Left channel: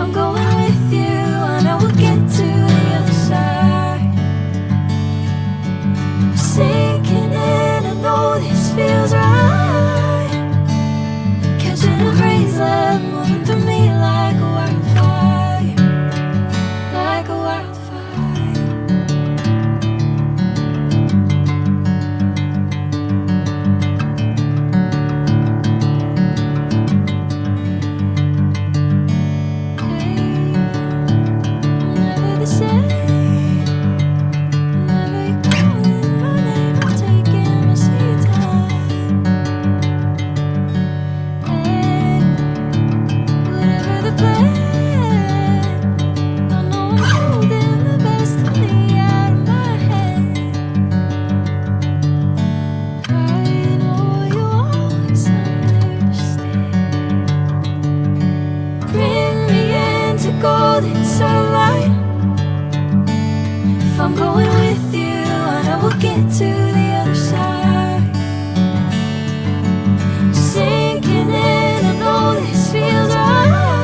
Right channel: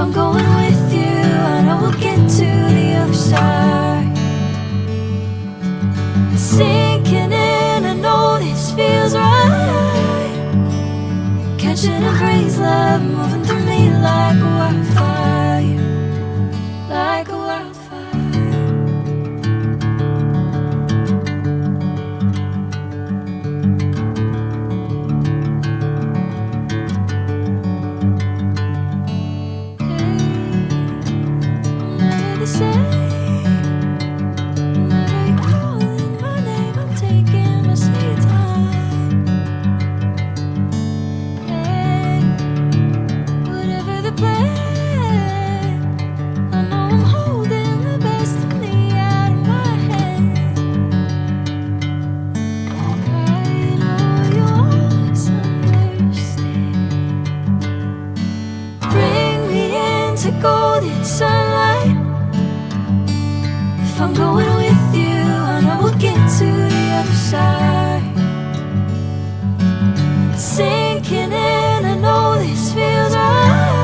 I'm going with you, I know we'll get to the other side. Sinking in, I know this feels right. Catching a crazy love, moving through me like a wildfire. Like a wildfire. Golden sunlight. If I'm going with you, I know we'll get to the other side. Sinking in, I know this feels right.